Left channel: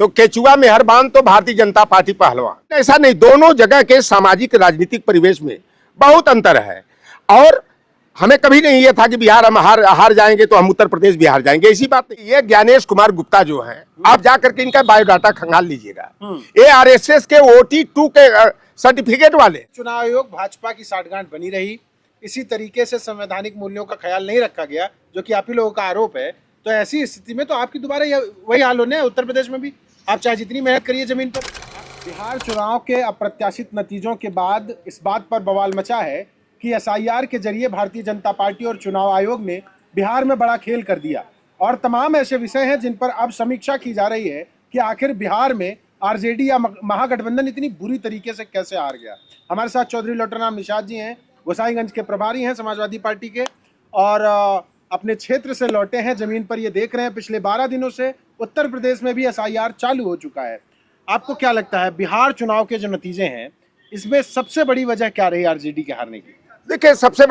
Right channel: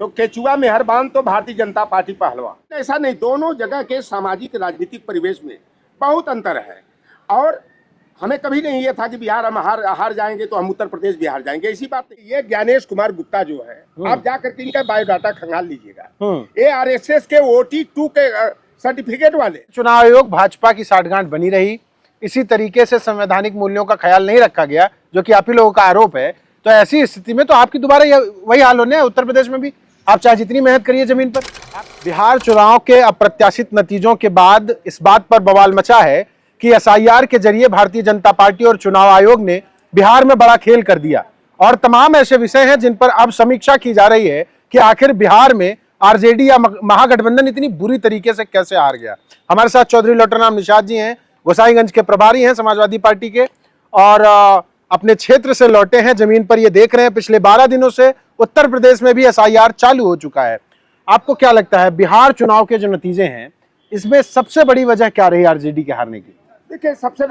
तो केचुआ में हर बान तो भारतीय जनता पार्टी पहलवान। ऐसा नहीं, दोनों जगह के सामाजिक राजनीतिक परिवेश में बहुत अंतर है। और हमें कभी नहीं ये था कि बिहार हम हार जाएंगे तो हम उत्तर प्रदेश बिहार जाएंगे, ऐसी बात नहीं। ये ज्ञानेश कुमार गुप्ता जो है, आप जाकर के इनका बायोडाटा खंगाल लीजिएगा। ये आरएसएस के OT2 के सर्टिफिकेट वाले। चुनाव आयोग भाजपा की साठगांठ बनी रही, इसी तरीके से संवैधानिक मूल्यों का ख्याल नहीं रखा गया, जो कि आप ही लोगों का आरोप है। तो ऐसी स्थिति में तो आपकी दोबारा वही हाल होने है उत्तर प्रदेश में भी, आप चाहे जितनी मेहनत करिए जमीन पर। बिहार चुनाव के अप्रत्याशित नतीजों के बाद इस बात पर बवाल मचा है कि SIR के जरिए भारतीय जनता पार्टी और चुनाव आयोग ने बिहार में बड़ा खेल कर दिया, और तमाम ऐसे विषय हैं जिन पर अब समीक्षा की जा रही है कि आखिर बिहार में आरजेडी या महागठबंधन इतनी बुरी तरीके से कैसे हार गया। हमारे साथ चौधरी लोटरनाम निषाद जी हैं, गोसाईगंज के प्रभारी हैं समाजवादी पार्टी के, और अपने क्षेत्र से लौटे हैं, जमीन पर ये देख रहे हैं। पिछले 12 दिनों से उत्तर प्रदेश में भी SIR चालू हो चुका है। आपको क्या लगता है बिहार चुनाव के जो नतीजे हैं, इसमें सबसे बड़ी वजह क्या रही आरजेडी के हारने की? देखिए, सबसे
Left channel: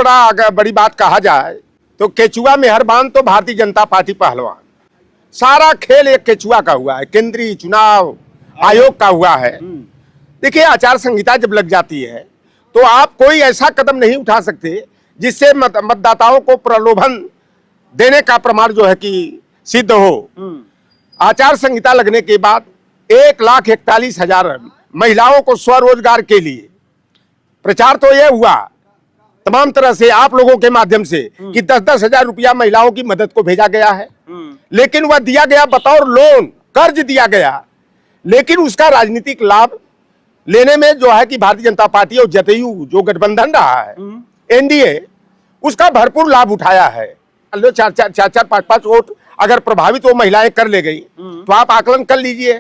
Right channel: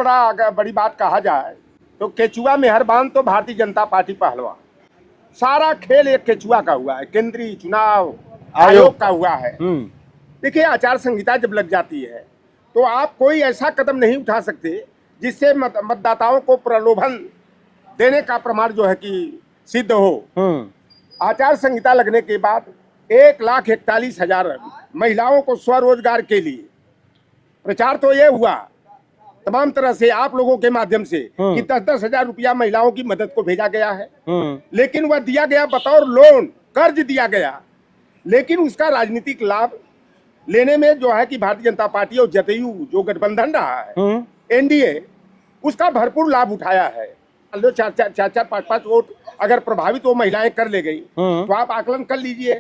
बड़ी बात कहा जाए तो केचुआ में हर बान तो भारतीय जनता पार्टी पहलवान। सारा खेल एक केचुआ का हुआ है, केंद्रीय चुनाव आयोग का हुआ है। देखिए, आचार संहिता जब लग जाती है तो आप कोई ऐसा कदम नहीं उठा सकते जिससे मतदाताओं को प्रलोभन देने का प्रमाण जो है कि सिद्ध हो। आचार संहिता लगने के बाद 1,41,000 महिलाओं को स्वरोजगार के लिए प्रचार तो यह हुआ तमाम तरह से आप लोगों के माध्यम से कि 10-10 हजार रुपया महिलाओं की मदद को भेजा गया है। लेकिन वह दिया गया बतौर लोन, कर्ज दिया गया, लेकिन उसका राजनीतिक लाभ लेने में जो है कि भारतीय जनता पार्टी और जदयू जो गठबंधन रहा है, एनडीए, उसका भरपूर लाभ उठाया है। 4-4, 5-5 वोट अगर प्रभावित वो महिलाएं कर ले गई तो आप आकलन कर लीजिए।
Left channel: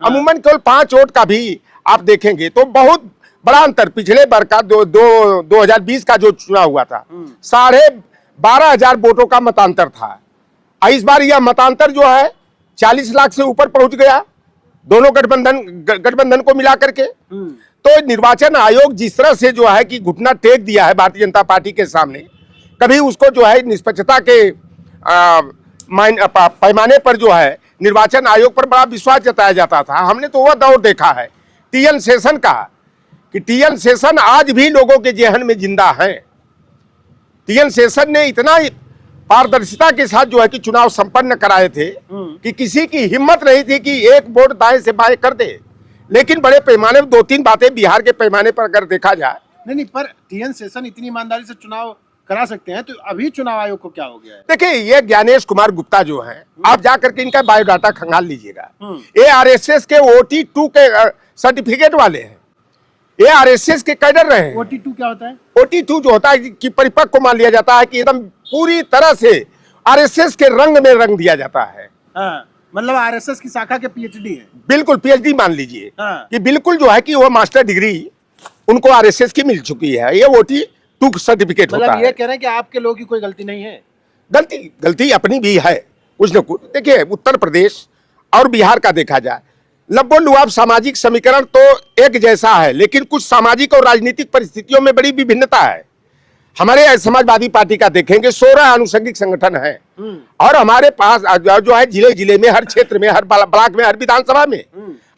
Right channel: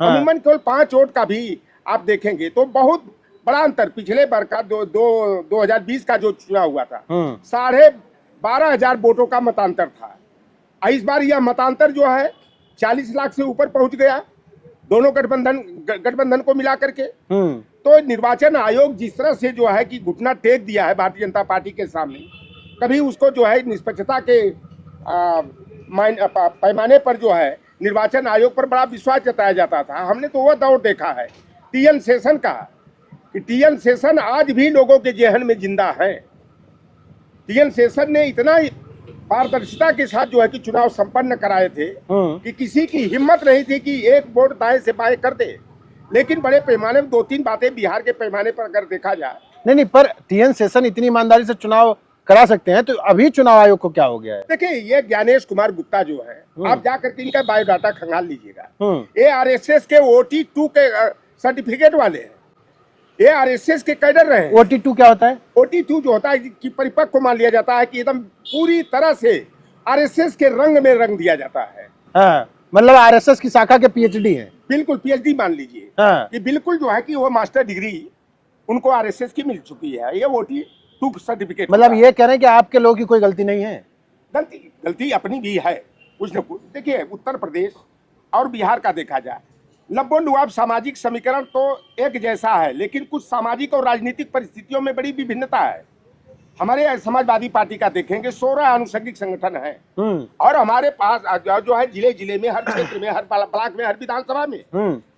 अमूमन केवल 5 वोट का भी आप देखेंगे तो बहुत बड़ा अंतर। पिछले बार का 2020 का जो चुनाव हुआ था, 12,500 वोटों का मतांतर था। इस बार यह मतांतर जो है 40 लाख से ऊपर पहुंच गया, दोनों गठबंधन को मिला करके। तो निर्वाचन आयोग जिस तरह से जो है कि घुटना टेक दिया है भारतीय जनता पार्टी के सामने, कभी उसको जो है निष्पक्षता के पैमाने पर जो है निर्वाचन आयोग पर बड़ा विश्वास जताया जाता था। हमने तो वह दौर देखा है TN शेषन का, कि TN शेषन आज भी लोगों के जेहन में जिंदा है। TN शेषन ने इतना पारदर्शिता के साथ जो है कि चुनाव संपन्न कराए थे कि किसी की हिम्मत नहीं थी कि एक वोट दाएं से बाएं कर दे। लेकिन बड़े पैमाने पर 2-3 बातें बिहार के पैमाने पर अगर देखा जाए, नहीं, पर TN शेषन इतनी ईमानदारी से चुनाव करा सकते हैं, तो अभी चुनाव आयोग को क्या हो गया है? देखिए, ये ज्ञानेश कुमार गुप्ता जो है, आप जाकर के इनका बायोडाटा खंगाल लीजिएगा। ये आरएसएस के OT2 के सर्टिफिकेट वाले हैं, ये आरएसएस के कैडर रहे हैं। OT2 क्या होता है? OT2 जो होता है कि परिपक्व को मान लिया जाता है कि एकदम पूरी तरह से आरएसएस के रंग में रंग दिया जाता है। मतलब आरएसएस की शाखा के PhD हैं। बिल्कुल PhD मान लीजिए कि बिल्कुल जो है कि वो मास्टर डिग्री उनको आरएसएस की मिल चुकी है। ये OT2 सर्टिफिकेट मतलब ये कह रहे हैं कि आपके लोगों की कोई गलती नहीं है? गलती अपनी भी है कुछ न कुछ। देखिए, उत्तर प्रदेश और बिहार का देखा जाए, लबो-लुआब सामाजिक समीकरण तो एक जैसा है, लेकिन कुछ सामाजिक और राजनीतिक परिस्थितियों में बड़ी विभिन्नता है। हमारे समाजवादी पार्टी का देखेंगे 16 अनुषंगिक संगठन है, और हमारे पास जो है जिले में, हर क्षेत्र में, हर ब्लॉक में, हर विधानसभा में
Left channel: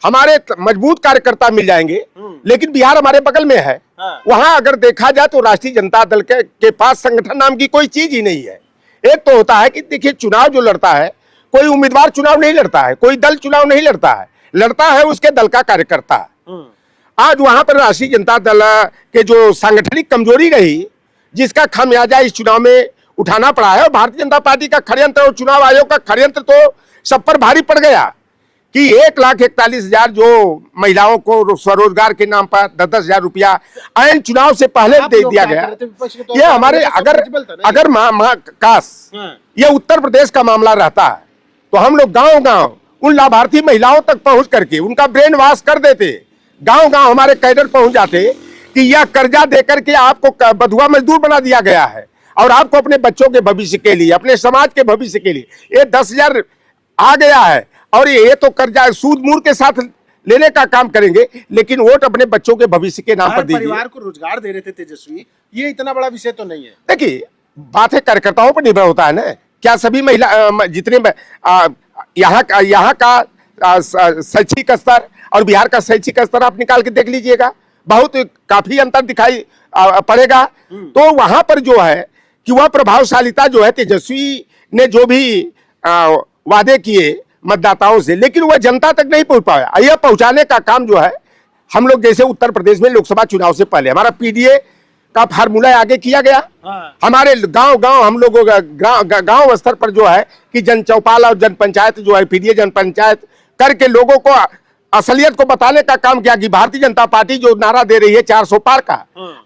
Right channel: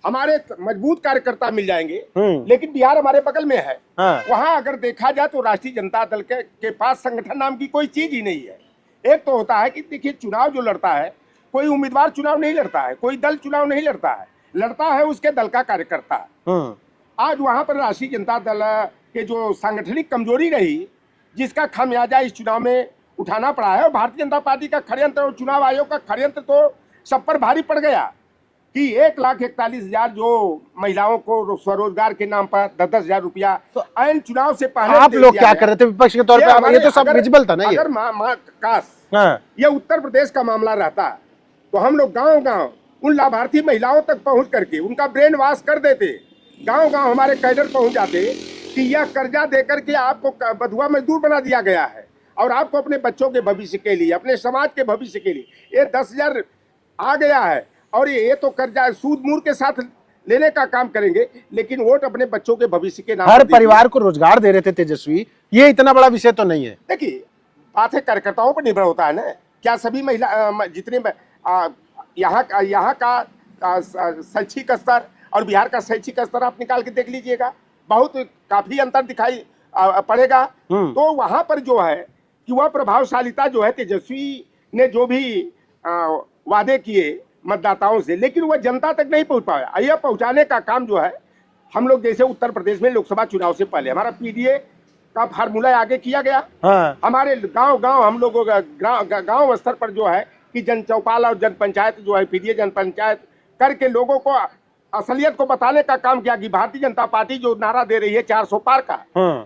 हमारे मजबूत कार्यकर्ता मिल जाएंगे। लेकिन बिहार हमारे बगल में है, वहां अगर देखा जाए तो राष्ट्रीय जनता दल के पास संगठन नाम की कोई चीज ही नहीं है। एक तो होता है कि देखिए, चुनाव जो लड़ता है, कोई उम्मीदवार चुनाव नहीं लड़ता है, कोई दल चुनाव नहीं लड़ता है, लड़ता है उसके दल का कार्यकर्ता। आज वहां पर राष्ट्रीय जनता दल के जो सांगठनिक कमजोरी रही, जिसका खामियाजा इस चुनाव में उठाना पड़ा है। और भारतीय जनता पार्टी का षड्यंत्र और चुनाव आयोग का षड्यंत्र तो सब पर भारी पड़ गया कि 1,41,000 जो महिलाओं को स्वरोजगार के नाम पर 10-10 हजार रुपया आयन चुनाव से पहले दे दिया गया। विपक्ष के तौर पर हमारे अगर ये उत्तर प्रदेश का मामला रहता है तो हम लोग गांव-गांव उन लाभार्थी महिलाओं तक पहुंच करके उनका ब्रेन वॉश कर देते, गांव-गांव हमारे कैडर पहुंच जाते कि यह कर्जा देकर के आपको बधुआ मजदूर बना दिया गया है, और आपको अपने बच्चों के भविष्य के लिए, अपने समाज के भविष्य के लिए ये 10,000 आ गया है, और ये तो कर्जा सूद मूर के साथ लेने का काम करेंगे, लेकिन वोट अपने बच्चों के भविष्य के नाम पर परिवार को रोजगार दे रहे थे तेजस्वी। ये इतना बड़ा विषय तो नहीं है। देखिए, बातें कार्यकर्ताओं पर निर्भर होता है ना। क्या सभी महिला जितने यहाँ का शैक्षिक स्तर और बिहार का शैक्षिक स्तर आप निकाल के देख लीजिएगा, बहुत काफी अंतर दिखाई पड़ेगा। तो वहां पर जो है कि वह प्रभावशालिता जो है, तेजस्वी ने जो भी वादे किए मतदाताओं से, लेकिन वह जनता तक नहीं पहुंच पाया। यह पहुंचाने का काम जो है हम लोग, जैसे उत्तर प्रदेश में लोकसभा चुनाव से पहले हमारा पीडीए का फार्मूला आगे किया गया। हाँ। हमारे गांव हम लोगों का गांव स्तर पर जो है कि जन चौपाल और जन पंचायत जो है, पीडीए जन पंचायत करके लोगों को असलियत को बताने का काम किया कि भारतीय जनता पार्टी जो नारा दे रही है 400 पार का,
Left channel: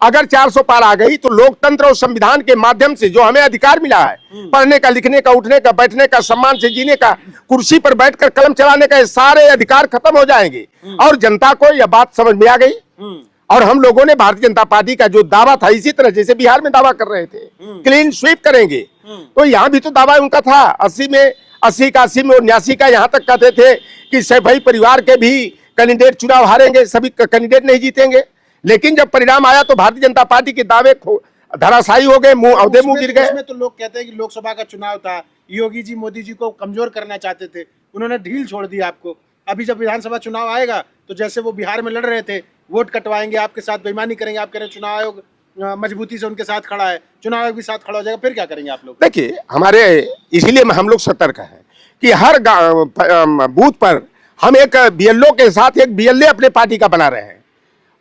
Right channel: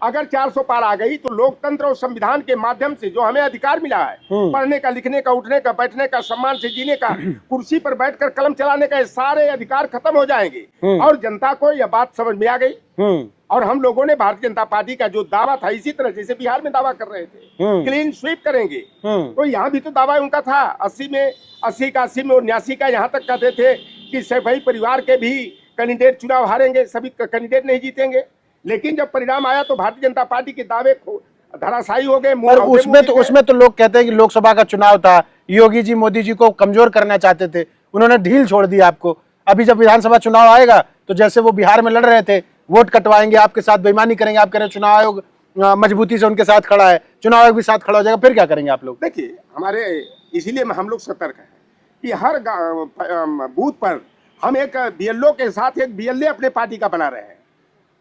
अगर 400 पार आ गई तो लोकतंत्र और संविधान के माध्यम से जो हमें अधिकार मिला है, पढ़ने का, लिखने का, उठने का, बैठने का, सम्मान से जीने का, कुर्सी पर बैठकर कलम चलाने का, सारे अधिकार खत्म हो जाएंगे। और जनता को यह बात समझ में आ गई। और हम लोगों ने भारतीय जनता पार्टी का जो दावा था, इसी तरह जैसे बिहार में दावा कर रहे थे क्लीन स्वीप करेंगे, तो यहाँ भी तो दावा उनका था 80 में 89 में 89 का, यहाँ तक कहते थे कि सभी परिवार के भी कैंडिडेट चुनाव हारेंगे, सभी कैंडिडेट नहीं जीतेंगे। लेकिन जब परिणाम आया तो भारतीय जनता पार्टी के दावे धराशायी हो गए। उसमें तो लोग कहते हैं कि लोकसभा का चुनाव था, योगी जी मोदी जी को कमजोर करना चाहते थे, उन्होंने ढील छोड़ दी आपको। अभी जब विधानसभा चुनाव आएगा तो जैसे वो बिहार में लड़ रहे थे, वोट कटवाएंगे, आपके साथ बेईमानी करेंगे, आप कह रहे चुनाव आयोग मजबूती से उनके साथ खड़ा है, चुनाव आयोग भी साथ खड़ा हो जाएगा, फिर क्या करेंगे आप लोग? देखिए, हमारे इसलिए हम लोग सतर्क हैं कि हर बूथ पर हम एक बीएलओ के साथ एक बीएलए अपने पार्टी का बना रहे हैं,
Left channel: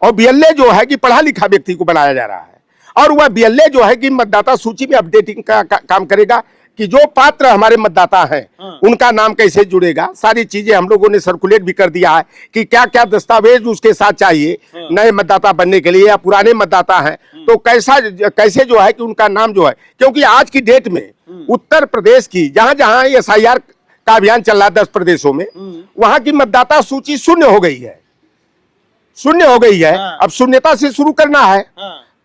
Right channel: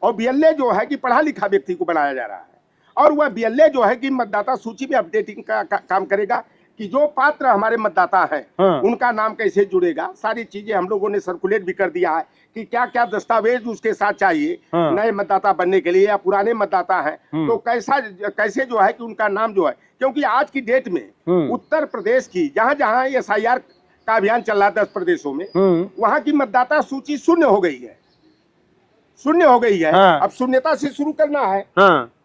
और बीएलए जो है कि पढ़ा लिखा व्यक्ति को बनाया जा रहा है, और वह बीएलए जो है कि मतदाता सूची में अपडेटिंग का काम करेगा कि जो पात्र हमारे मतदाता हैं उनका नाम कैसे जुड़ेगा। सारी चीजें हम लोगों ने सर्कुलेट भी कर दिया है कि क्या क्या दस्तावेज उसके साथ चाहिए नए मतदाता बनने के लिए, या पुराने मतदाता हैं तो कैसे जो है कि उनका नाम जो है, क्योंकि आज की डेट में उत्तर प्रदेश की जहां जहां एसआईआर का अभियान चल रहा है 10 प्रदेशों में, वहां की मतदाता सूची शून्य हो गई है, शून्य हो गई है। अब शून्यता से शुरू करना है।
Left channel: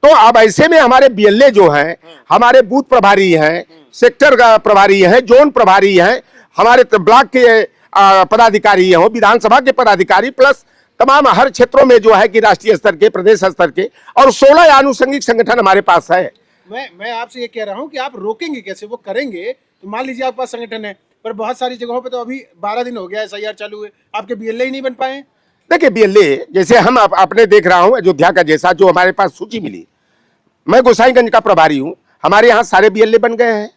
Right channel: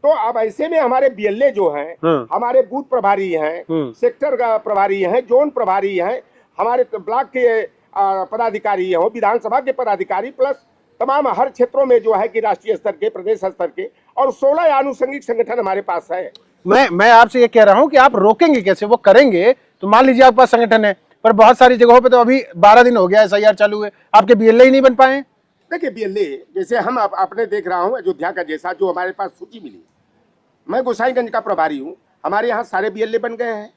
तो अब ऐसे में हमारे बीएलए जो हैं, हमारे बूथ प्रभारी हैं, सेक्टर का प्रभारी हैं, जोन प्रभारी हैं, हमारे ब्लॉक के पदाधिकारी हैं, विधानसभा के पदाधिकारी, प्लस तमाम हर क्षेत्रों में जो है कि राष्ट्रीय स्तर के, प्रदेश स्तर के, और 16 आनुषंगिक संगठन हमारे पास है। मैं आपसे ये कह रहा हूं कि आप रोकेंगे कैसे? वो करेंगे तो मान लीजिए आपके पास संगठन है, पर बहुत सारी जगहों पे तो अभी 12 दिन हो गया एसआईआर चालू है, आपके बीएलए ही नहीं बन पाए। देखिए, बीएलए जैसे हम अपने देख रहा हूं अयोध्या का, जैसा जो हमारे पास सूची मिली, मैं गोसाईगंज का प्रभारी हूं, हमारे यहाँ सारे बीएलए बन गए हैं,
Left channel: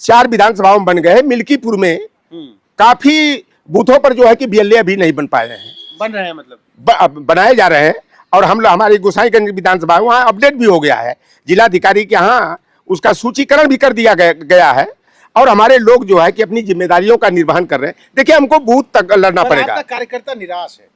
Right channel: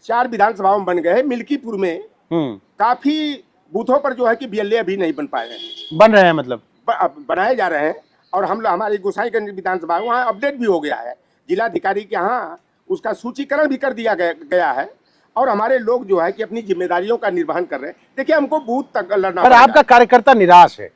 4 विधानसभाओं में बन गए हैं। मिल्कीपुर में काफी बूथों पर जो है कि बीएलए अभी नहीं बन पाए हैं, बन रहे हैं, मतलब बनाए जा रहे हैं। और हम हमारी गोसाईगंज विधानसभा वहाँ अपडेट भी हो गया है, जिलाधिकारी के यहाँ उसका सूचीकरण भी कर दिया गया है, और हमारे लोग जो है कि अपनी जिम्मेदारियों का निर्वहन कर रहे हैं। देखिए, हमको बूथ तक लड़ना पड़ेगा। आपका कार्यकर्ता निराश है,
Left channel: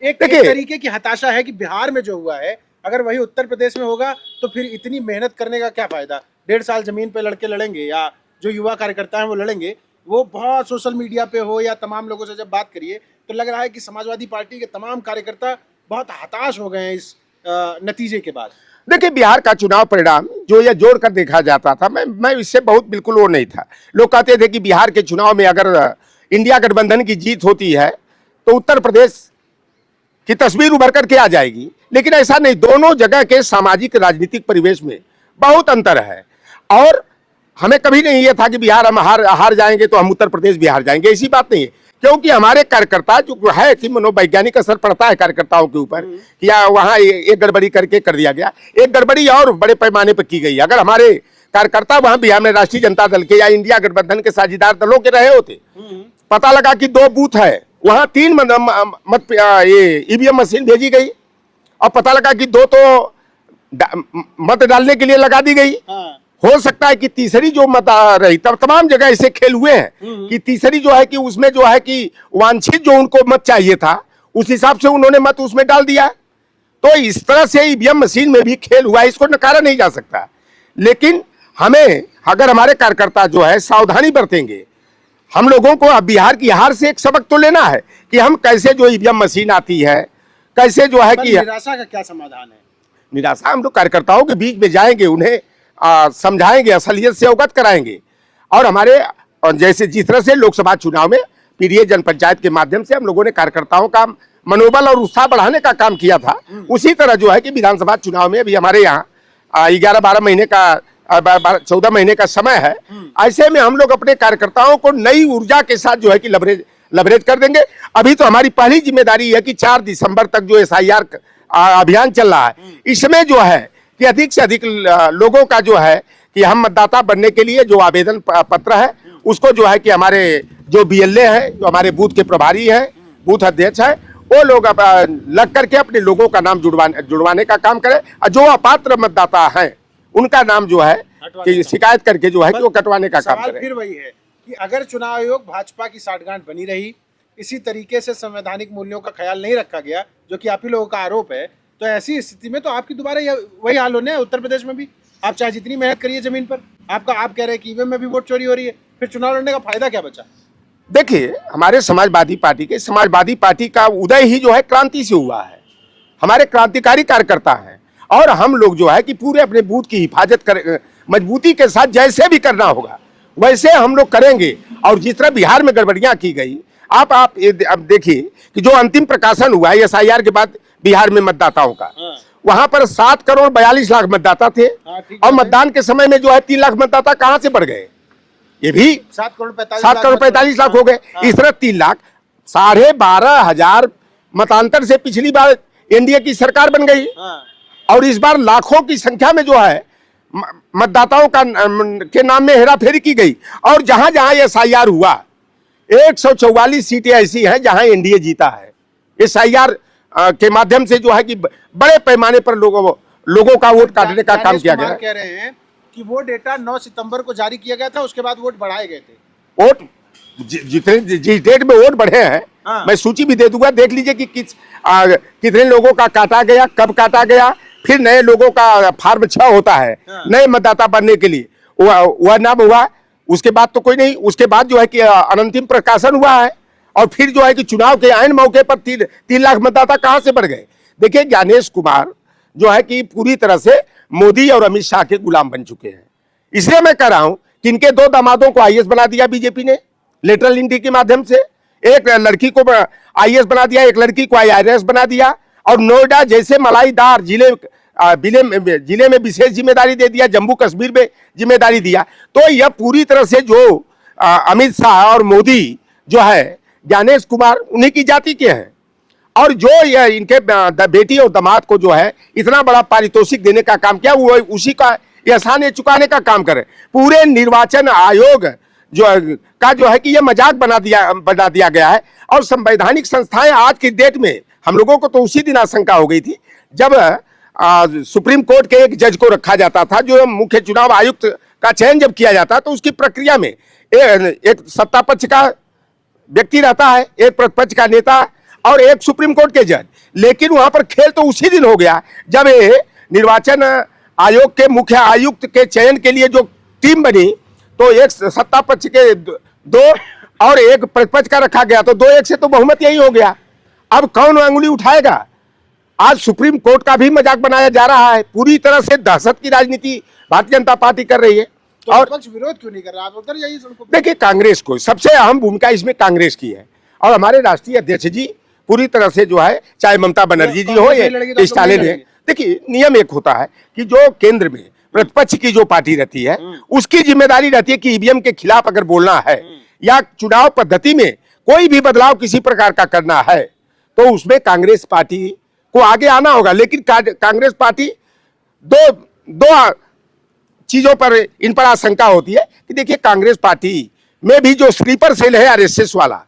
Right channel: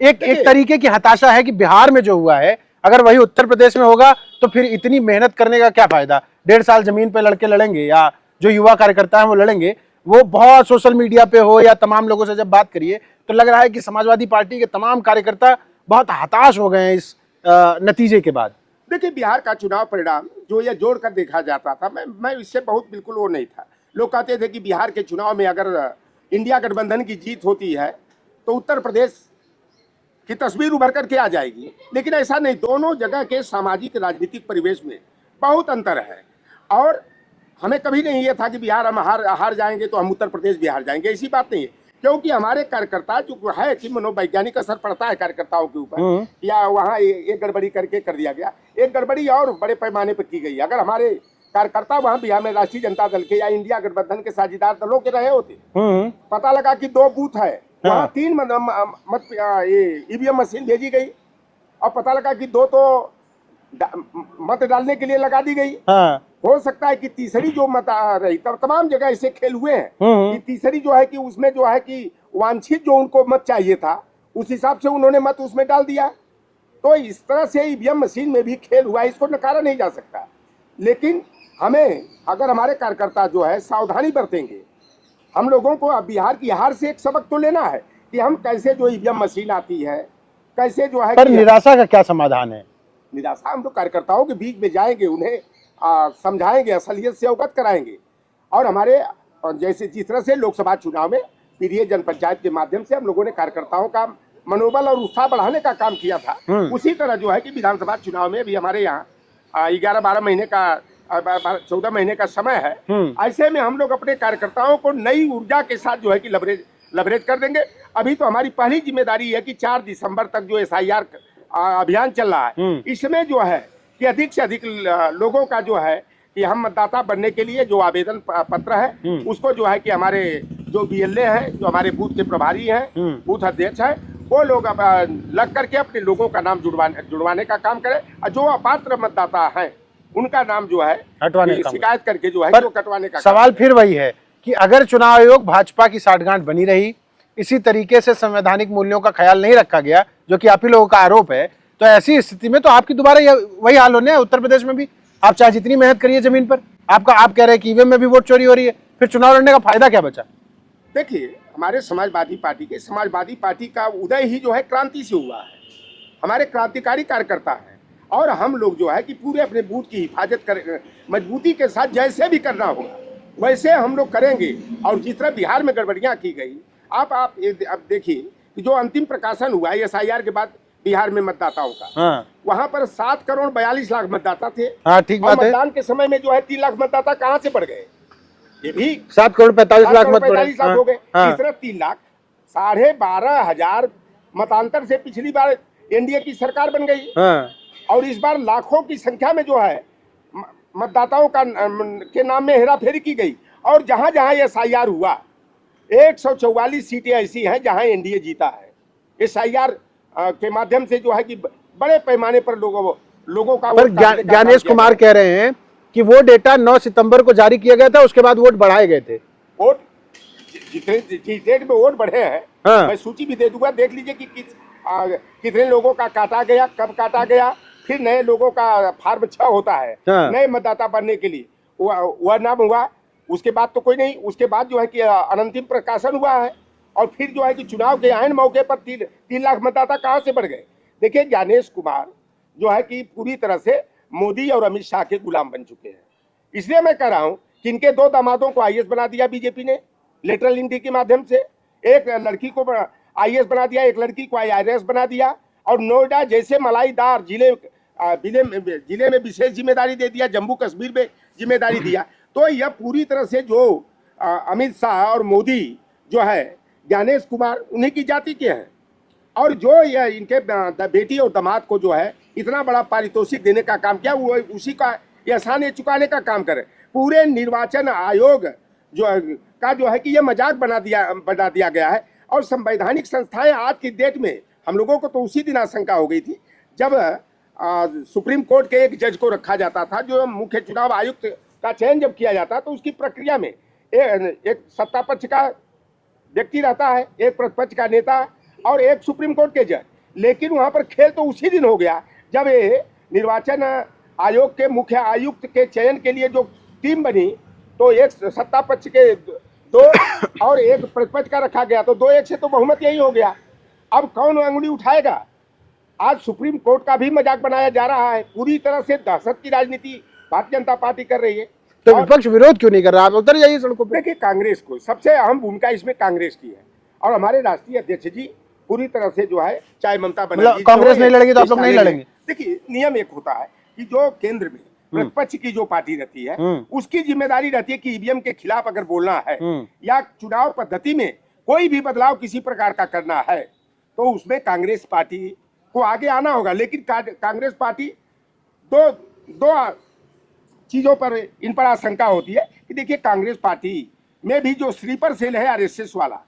एक तरीके की हताशा है कि बिहार में जो हुआ है अगर वही उत्तर प्रदेश में होगा तो फिर इतनी मेहनत करने का क्या फायदा? 1.5 साल जमीन पे लड़के लड़ेंगे, या जो युवा कार्यकर्ता हैं वो लड़ेंगे। वो बहुत सोशल मीडिया पे हो या तमाम लोगों से जब बात करिए तो लग रहा है कि समाजवादी पार्टी के तमाम कार्यकर्ता बहुत हताश हो गए हैं इस नतीजे के बाद। देखिए, बिहार का चुनाव परिणाम जो ये जोड़ कर देखा जाता था, मैं इससे बहुत बिल्कुल वो नहीं था। लोग कहते थे कि बिहार के चुनाव में अगर इंडिया गठबंधन की जीत होती है तो उत्तर प्रदेश की तस्वीर उभर करके आ जाएगी, लेकिन ऐसा नहीं। दोनों जगह के सामाजिक राजनीतिक परिवेश में बहुत अंतर है, और हमें कभी नहीं ये था कि बिहार हम हार जाएंगे तो हम उत्तर प्रदेश भी हार जाएंगे, ऐसी बात नहीं है। क्योंकि हमारे कार्यकर्ता जो है कि मनोवैज्ञानिक असर पड़ता है कार्यकर्ताओं के ऊपर, या वहाँ एक गड़बड़ी करके कर दिया गया, एक गड़बड़ी और बड़े पैमाने पर की गई। अगर हमारे कार्यकर्ता वहाँ बिहार में राष्ट्रीय जनता दल के या इंडिया गठबंधन के साझेदार दलों के रहे होते, पता लगा कि 2 बूथ है, वहाँ 3 ईवीएम मशीन भेजी गई, और पता लगा कि 2 तो मत डालने के लिए लगा दी गई। हो सकता है कि तीसरी जो मत रही, तब तमाम जगह ऐसे खेल हुए हैं कि तीसरी जो है कि उसमें जो है कि वांछित जो उनको मत चाहिए था उस हिसाब से उन्होंने मत उसमें डाल दिया। तो इस तरह से ईवीएम मशीन में भी खेल हुआ है, इसको नकारा नहीं जा सकता। लेकिन हमें, अगर हमारे कार्यकर्ता जो है सावधानी बरतेंगे, हम लोगों को अब बिहार की हार से एक सबक तो लेना है कि हम कैसे जो ईवीएम मशीन आती है, कैसे जो है कि निराशा का क्या समाधान है? निराशा, हम लोग कार्यकर्ताओं के बीच में जाएंगे, उन्हें समझाएंगे, असलियत से अवगत कराएंगे, और हमारे जैसे जिस तरह से लोकसभा चुनाव में पीडीए जनपंचायत के माध्यम से हम लोगों ने कार्यकर्ताओं का मनोबल और उत्साह बढ़ाने का काम किया था, उसी तरह जो है कि विधानसभा चुनाव में भी हमारे यहाँ 11-12 महीने का 14 महीने का समय है। ऐसे में हम लोग अपने कार्यकर्ताओं को नई ऊर्जा के साथ जो है कि लवरेज कर देंगे। अभी तो हमारी पहली जिम्मेदारी है कि 4 दिसंबर तक जो SIR अभियान चल रहा है, इसमें जो है कि अधिक से अधिक लोगों का जो है कि हम मतदाता बनने के लिए जो आवेदन पत्र है उसको जो है कि हमारे जो BLA है, जो हमारे बूथ के प्रभारी है, बूथ अध्यक्ष है, वो लोग लग करके अपने लोगों का नाम जुड़वाने का काम करें, और जो अपात्र मतदाता हैं उनका नाम जो है कि शिकायत करके जो है कि वो कटवाने का काम सवाल करें। फिर वही है कि अगर चुनाव आयोग भाजपा की साठगांठ बनी रही, इसी तरीके से संवैधानिक मूल्यों का ख्याल नहीं रखा गया, जो कि आप ही लोगों का आरोप है, तो ऐसी स्थिति में तो आपकी दोबारा वही हाल होने है। उत्तर प्रदेश में भी आप चाहे जितनी मेहनत करिए जमीन पर, आप कह रहे हैं कि EVM में भी वोट चोरी हो रही है, फिर चुनाव लड़ने का फायदा क्या बचा? देखिए, हमारे समाजवादी पार्टी का उदय ही जो है क्रांति से हुआ है। हमारे क्रांतिकारी कार्यकर्ता हैं और हम लोग जो है कि पूरे अपने बूथ की हिफाजत कर मजबूती के साथ जैसे भी करना होगा वैसे हम लोग करेंगे। और जिस तरह बिहार में गड़बड़ियां की गई, आप अब देखिए कि जो अंतिम प्रकाशन हुआ है SIR के बाद बिहार में मतदाताओं का, वहां पर 7 करोड़ 42 लाख मतदाता थे, और मतदान के समय में जो है 3 लाख मतदाता कहां से बढ़ गए? ये भी 7 करोड़ 45 लाख हो गए। इस तरह 3 लाख 12,500 मतांतर से पिछली बार NDA की सरकार बन गई, और इस बार लाखों की संख्या में जो है मतदाताओं के नाम में हेराफेरी की गई। और जहां जहां SIR हुआ 144 सीटें ऐसी हैं जहां NDA जीता है। SIR के माध्यम से जो है कि बड़े पैमाने पर लोगों का वोट काटने का काम ज्ञानेश किया कुमार गया। कह रहे हैं कि वो डेटा 9 सितंबर को जारी किया गया था, उसके बाद वोट बढ़ाए गए थे। वोट जिस डेट में वोट बढ़े हैं, मैं सूची भी दे दूंगा, देख लीजिए कि कितने लोगों का काटा गया, कब काटा गया। फिर नए लोगों का फॉर्म 6 होता है नए मतदाता बनने के लिए, वह नाम हुआ। उसके बाद तो कोई नहीं, उसके बाद जो है कि अनंतिम प्रकाशन हुआ है, और फिर जो है कि चुनाव के आयन मौके पर 3 लाख मतदाता कहां से बढ़ गए? देखिए, ज्ञानेश कुमार जो है कि पूरी तरह से मोदी और अमित शाह के गुलाम बन चुके हैं। इसलिए मैं कह रहा हूं कि इनके 2 दामादों को IAS बना दिया बीजेपी ने लेटरल एंट्री के माध्यम से। एक लड़की को IAS बना दिया, एक लड़की को IRS बना दिया, और नोएडा जैसे मलाईदार जिले में विशेष जिम्मेदारी दे दिया, जम्मू कश्मीर में जिम्मेदारी दिया। तो यह पूरी तरह से जो अमित शाह और मोदी जो है, ज्ञानेश कुमार उन्हीं की जाति के हैं, और जो यह इनके बेटी और दामाद को जो है इतना बड़ा पारितोषिक देने का काम किया, वो उसी का एहसान चुकाने का काम करे। पूरे निर्वाचन आयोग जो है कि यह मजाक बना दिया गया है। और संवैधानिक संस्थाएं आज की डेट में, हम लोगों को तो उसी दिन आशंका हो गई थी जब सुप्रीम कोर्ट के एक जज को रखा जाता था, जो मुख्य चुनाव आयुक्त का चयन जब किया जाता तो उसकी प्रक्रिया में एक सत्ता पक्ष का व्यक्ति रहता है, एक प्रतिपक्ष का नेता, और एक सुप्रीम कोर्ट के जज। लेकिन वहां पर खेल तो उसी दिन हो गया जब निर्वाचन आयोग के मुख्य आयुक्त के चयन के लिए जो टीम बनी, तो एक सत्ता पक्ष के 2 और एक प्रतिपक्ष का रखा गया, तो 2-1 से तो बहुमत यही हो गया। अब कौन अंगुली उठाएगा? आज सुप्रीम कोर्ट का भी मजाक बनाया जा रहा है। पूरी तरह से दहशत की राजनीति भारतीय जनता पार्टी कर रही है। तो विपक्ष विरोध क्यों नहीं कर रहा? आप उतर जाइए सड़कों पे। देखिए, कांग्रेस को सबसे अहम भूमिका इसमें कांग्रेस की है, और हमारे राष्ट्रीय अध्यक्ष जी पूरी तरह से जो है, चाहे ममता बनर्जी जी हो, स्टालिन है। देखिए, नियम एक होता है कि जो केंद्र में प्रतिपक्ष की जो पार्टी रहती है उसकी जिम्मेदारी रहती है कि EVM के खिलाफ अगर बोलना है या चुनाव पद्धति में कोई भी बदलाव किसी प्रकार का करना है, तो उसमें कांग्रेस पार्टी को आगे आना होगा। लेकिन कांग्रेस पार्टी दो चीजों पर इन पर आशंका होती है कि देखिए, कांग्रेस पार्टी में भी जो स्लीपर सेल है RSS वाला,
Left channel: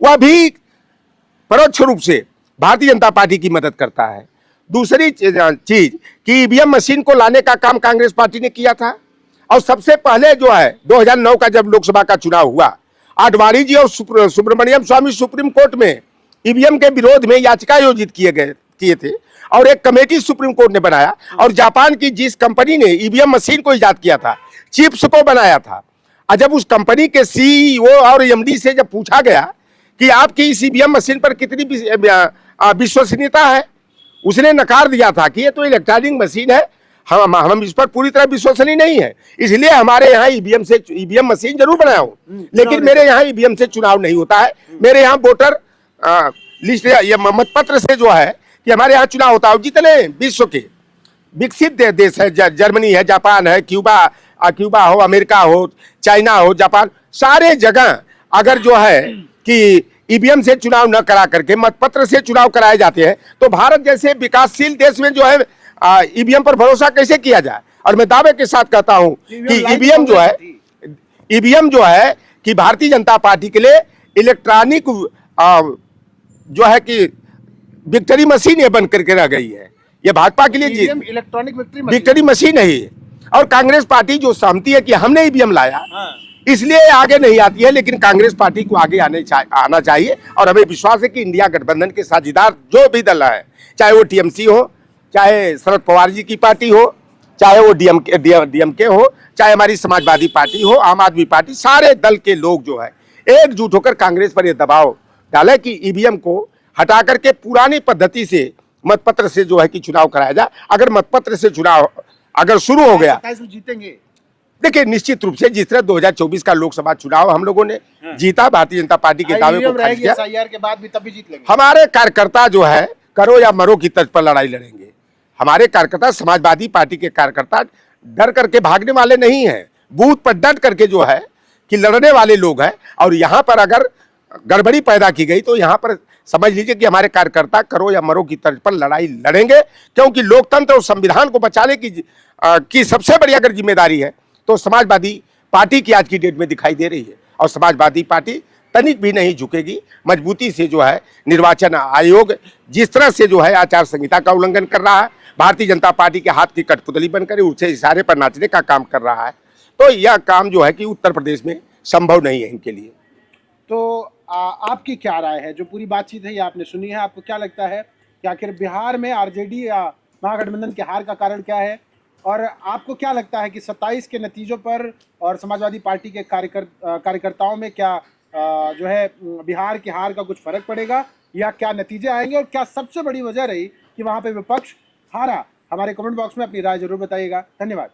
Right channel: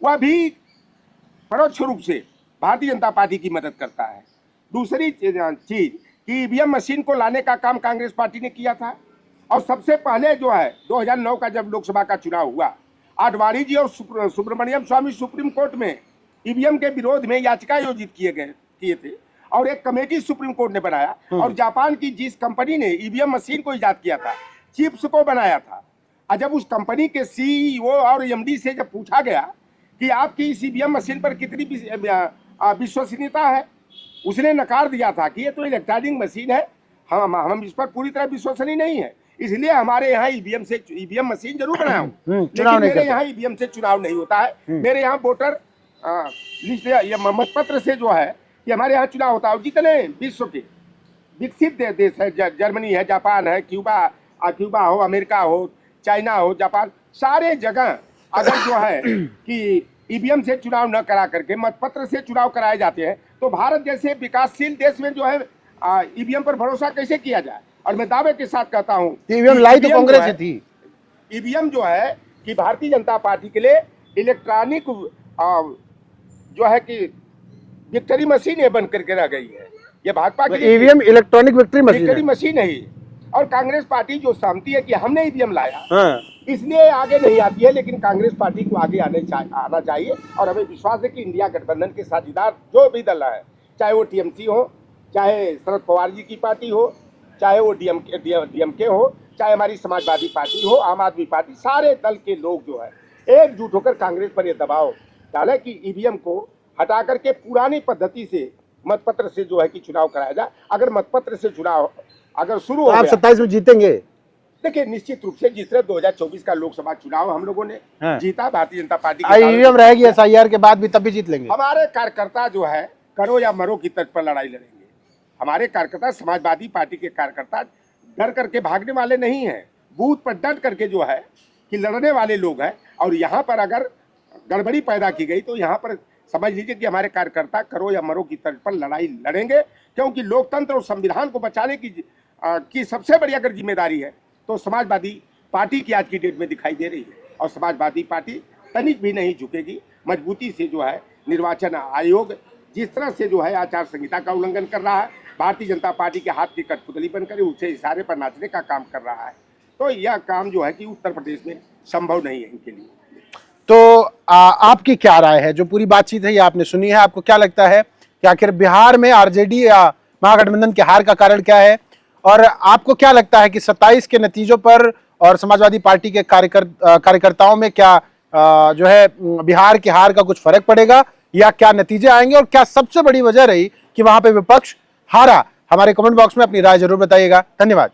वह भी परोक्ष रूप से भारतीय जनता पार्टी की मदद करता है। दूसरी चीज कि EVM मशीन को लाने का काम कांग्रेस पार्टी ने किया था, और सबसे पहले जो है 2009 का जब लोकसभा का चुनाव हुआ, आडवाणी जी और सुब्रमण्यम स्वामी सुप्रीम कोर्ट में EVM के विरोध में याचिका आयोजित किए थे, और एक कमेटी सुप्रीम कोर्ट ने बनाया, और जापान की जिस कंपनी ने EVM मशीन को इजाद किया था, चिप्स को बनाया था, और जब उस कंपनी के CEO और MD से जब पूछा गया कि आपकी इस EVM मशीन पर कितनी विश्वसनीयता है, उसने नकार दिया था कि ये तो इलेक्ट्रॉनिक मशीन है, हम इस पर पूरी तरह विश्वसनीय नहीं है, इसलिए हमारे यहाँ EVM मशीन जरूर बनाया हूँ, लेकिन मेरे यहाँ EVM से चुनाव नहीं होता है। मेरे यहाँ वोटर लिस्ट या मतपत्र से जो है कि हमारे यहाँ चुनाव होता है। जितने विश्व के विकसित देश है, जर्मनी है, जापान है, क्यूबा हो, अमेरिका हो, चाइना हो, जापान, सारे जगह अगर जो है कि ईवीएम से चुनाव न करा करके मतपत्र से चुनाव कराए जाते हैं, तो भारत जैसे विकासशील देश में जो है ईवीएम पर भरोसा कैसे किया जाए। और मैं दावे के साथ कहता हूं कि ईवीएम जो है कि भारतीय जनता पार्टी के लिए इलेक्ट्रॉनिक जो है कि विक्ट्री मशीन ये बन करके रह गई है। ये भाजपा के लिए ईवीएम इलेक्ट्रॉनिक विक्ट्री मशीन है ये। और कांग्रेस पार्टी जो सहमति है कि हमने ईवीएम लाया, इसलिए आगे नहीं आती है, लेकिन कांग्रेस पार्टी को आगे आना चाहिए। और हमें विश्वास है कि इंडिया गठबंधन के साझेदार जो भी दल है, चाहे वो टीएमसी हो, चाहे शरद पवार जी की पार्टी हो, चाहे वो डीएमके हो, चाहे हमारी समाजवादी पार्टी हो, आम आदमी पार्टी, सारे दल के लोग जो है एकजुट होकर कांग्रेस पर यह दबाव डाले कि ईवीएम को हटा करके पुरानी पद्धति से मतपत्र से जो है कि चुनाव कराया जाए। अगर मतपत्र से चुनाव अगर शुरू हो गया, 27 में जीतेंगे। देखिए निश्चित रूप से जिस तरह 2024 का लोकसभा चुनाव हम लोगों ने जीता, भारतीय जनता पार्टी के ईवीएम रहेगी एसआईआर के बाद भी, तब भी जीत लेंगे। हमारे कार्यकर्ता जो है करो या मरो की तर्ज पर लड़ाई लड़ेंगे। हमारे कार्यकर्ता, समाजवादी पार्टी के कार्यकर्ता डर करके भागने वाले नहीं है, बूथ पर डट करके जो है कि लड़ने वाले लोग हैं। और यहाँ पर अगर गड़बड़ी पैदा की गई तो यहाँ पर समझ लीजिए कि हमारे कार्यकर्ता करो या मरो की तर्ज पर लड़ाई लड़ेंगे, क्योंकि लोकतंत्र और संविधान को बचाने की सबसे बड़ी अगर जिम्मेदारी है तो समाजवादी पार्टी की आज की डेट में दिखाई दे रही है। और समाजवादी पार्टी तनिक भी नहीं झुकेगी, मजबूती से जो है निर्वाचन आयोग जिस तरह से जो है आचार संहिता का उल्लंघन कर रहा है, भारतीय जनता पार्टी के हाथ की कठपुतली बनकर उससे इशारे पर नाचने का काम कर रहा है, तो यह काम जो है कि उत्तर प्रदेश में संभव नहीं है इनके लिए। तो आपकी क्या राय है? जो पूरी बातचीत है ये आपने सुनी है, आपको क्या लगता है कि आखिर बिहार में आरजेडी या महागठबंधन के हार का कारण क्या है? और आपको क्या लगता है कि 27 के नतीजों पर और समाजवादी पार्टी के कार्यकर्ताओं में क्या जो है बिहार की हार का कुछ फर्क पड़ेगा, या क्या नतीजे आएंगे, और क्या सबसे बड़ी वजह रही कि वहां पे विपक्ष हारा? हमारे कमेंट बॉक्स में अपनी राय जरूर बताइएगा। धन्यवाद।